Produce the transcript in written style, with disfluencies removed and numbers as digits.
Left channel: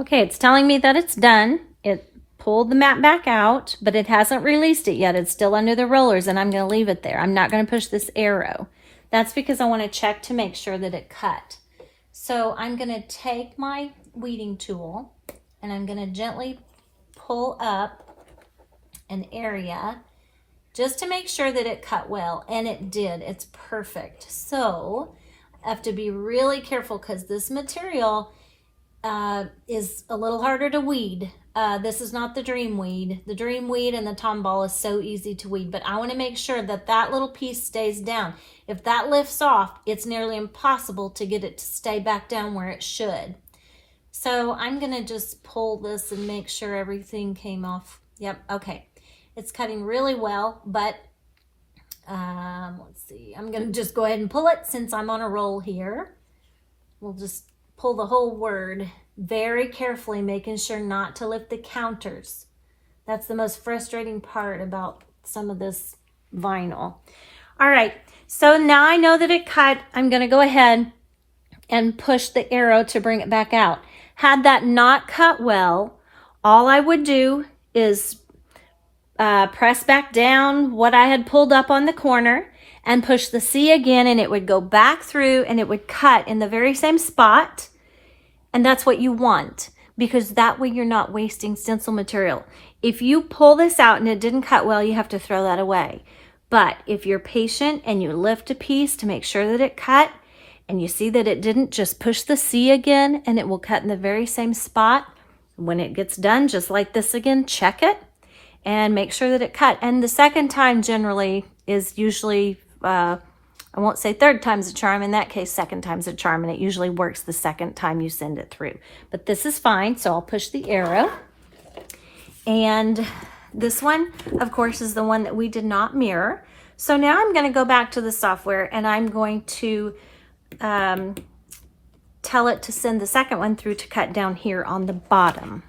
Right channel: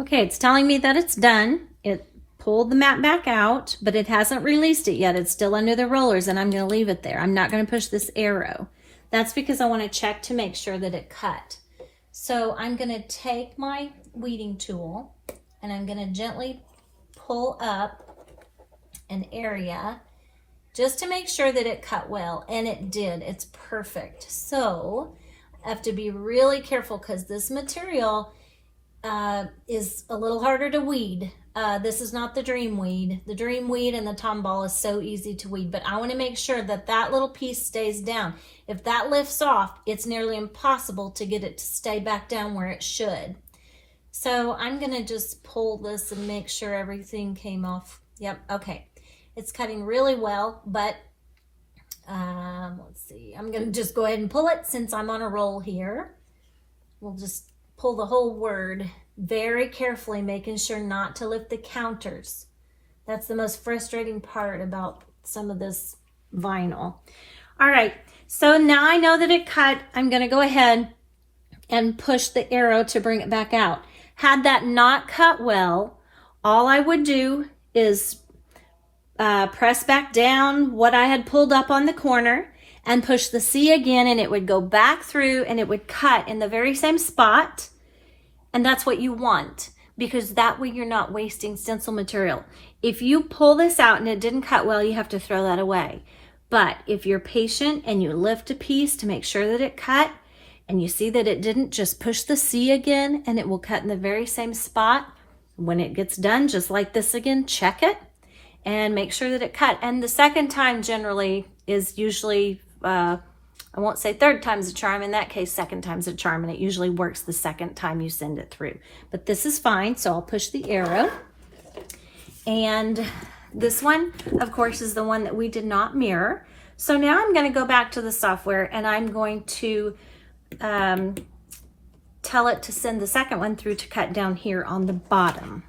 Okay, it's telling me that it's done. It pulled the mat back out, but it hasn't released it yet. It's still under the rollers, and I'm going to leave it there. I'm not going to push this arrow. That's because I want to check to make sure that it cut. So I'm going to take my weeding tool, and I'm going to gently pull up an area just to make sure that it cut well, and it did. It's perfect. So I have to be really careful because this material is a little harder to weed. This is not the dream weed. The dream weed and the tomball is so easy to weed, but I want to make sure that that little piece stays down. If that lifts off, it's nearly impossible to get it to stay back down where it should. So I'm going to just pull this and make sure everything came off. Yep, okay. It's cutting really well, but let's see. I'm going to just go ahead and pull it since I'm on a roll here. We'll just pull the whole word very carefully, making sure not to lift the counters. That's the most frustrating part about some of this vinyl. All right, so now I know that it cut. I'm going to go ahead and push the arrow to bring it back out. Had that not cut well, all I would do is press back down what I had pulled up on the corner and push the C again, and it would go back through and it would cut in the very same spot. And that's what you want, because that way you're not wasting stencil material. If you pull this out and it didn't cut well, you have to throw that away. But if you're patient and you lift a piece to make sure that it cut, and you see that it didn't, just push the C again and it will cut in the very same spot. When it gets done, just like this again, check it and make sure that it cut. And the second time generally is usually, I won't say third time's a charm. In that case, second time's a charm, and it usually works the second time you send it through. But this is fine, so I'll push the arrow. And this one, of course, is the one that we did not mirror. So now I'm going to go back to the software, and I'm going to tell it to send the second one through to cut down here on the bottom.